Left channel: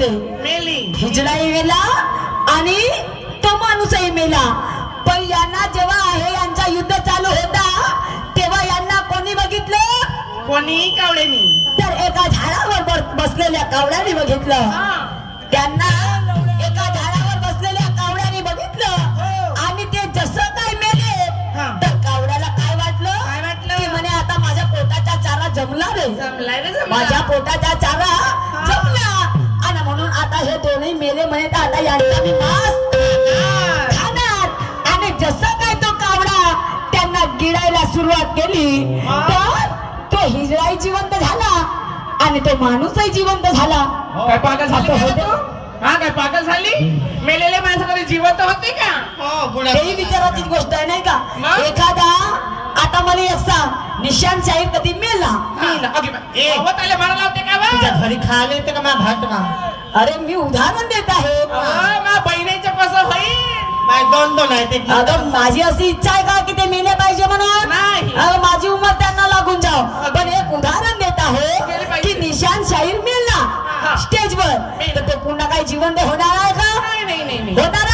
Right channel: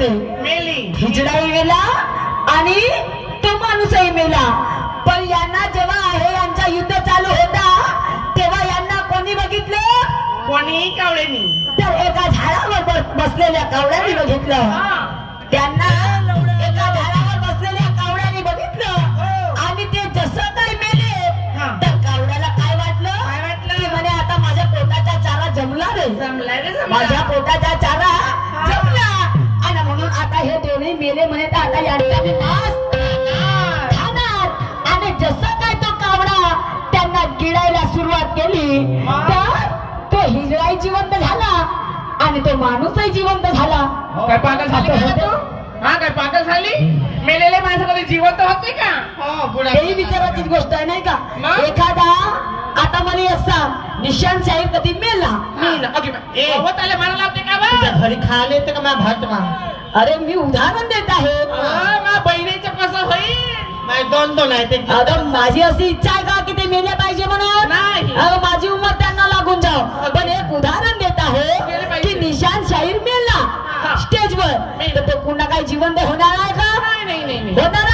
मेले हिजडाही मेला आणि तो माणूसही मेला. पण यांना जेव्हा आहे यांचा युद्ध चालू होता तेव्हा यांना कोणी बघितलं? कोणी कावळ्यानी. तर एका झाडावर बसलेल्या कावळ्याने बघितलं. त्यांना एका झाडावर बसलेल्या कावळ्याने बघितलं आणि ते जसं काय मेले तर कावळ्याला काय वाटलं की म्हणे आता माझ्या पोटाचा चारा जमला रे, माझ्या पोटाचा चारा जमला आणि म्हणून आता हे दोन्ही मेले म्हणे तर आता यांचा मी मांस खाणार. आणि जसं काय तो कावळा त्यांना गिळायला सुरुवात केली तर तो हिजडाही जिवंत झाला आणि तो माणूसही जिवंत झाला. काय पागल झाले? हा काय पागल झाली? मेलेले माणसं कधी जिवंत होते का? हेही विचाराची गोष्ट आहे नाही का? एखादा आता मला एक सांग, निशांत शाहीर कधी मेला? घरी खायला येते का? अरे मी उदाहरण देत आहे. बहिणीचं कसं होईल? दोन आहे ते. अगं माझी अशी इच्छा आहे का की ते मेले पाहिजे म्हणून? नाही. अगं माझी उमर त्यांना लागून जाव. पण एक उदाहरण देत आहे की निशांत शाहीर मेला स्टेजवर तर तो पुन्हा काही जिवंत होणार आहे का? नाही होणार